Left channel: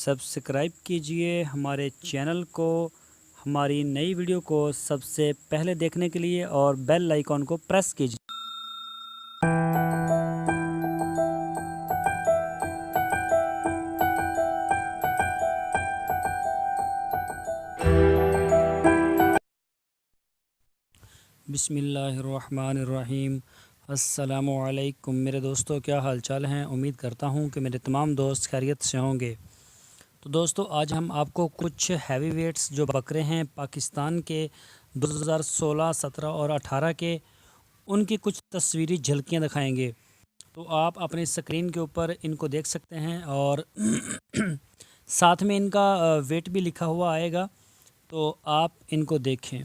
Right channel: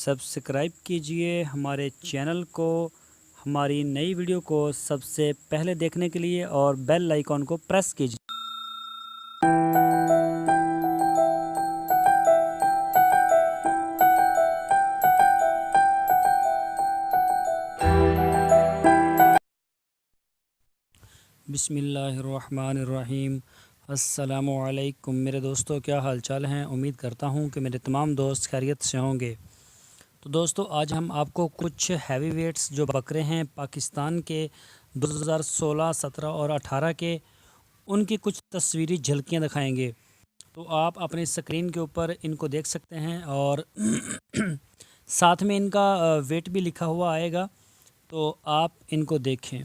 Subscribe कीजिए हमारे channel को, हमारी नई वीडियो को सबसे पहले देखने के लिए और बेल आइकॉन को प्रेस कीजिए। बिस्मिल्लाहिर्रहमानिर्रहीम। अस्सलामुअलैकुम मेरे दोस्तों, क्या हाल चाल हैं। उम्मीद करता हूं कि मेरे तमाम दोस्त खैरियत से होंगे। तो दोस्तों, आज हम आपको कुछ हैवी वेट्स जो बकरे हैं पाकिस्तान के 2016, 17 और 18 के, उनकी कुछ तस्वीरी झलकियां दिखाएंगे। तो आप अपनी स्क्रीन के ऊपर इनको देख सकते हैं और साथ में इनका वेट भी लिखा हुआ आएगा, तो आप इनको देखें।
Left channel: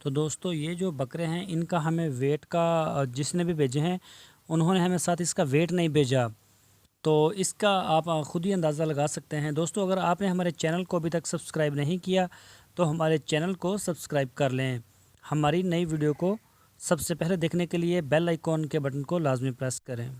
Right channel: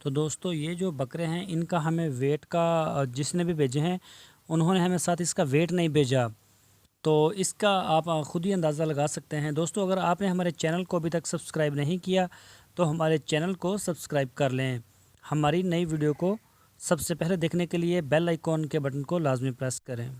तो दोस्तों, ये जो बकरे हैं इनका हमें वेट का, जिसने भी भेजे हैं उन्होंने हमें साथ इसका वेट नहीं भेजा, तो इसका आप ख़ुद ही अंदाज़ा लगा सकते हैं। दोस्तों, अगर आपने हमारे चैनल को अभी तक सब्सक्राइब नहीं किया तो हमारे चैनल को सब्सक्राइब कर लें। हमारी नई वीडियो को सबसे पहले देखने के लिए बेल आइकॉन के बटन को लाजमी प्रेस करें।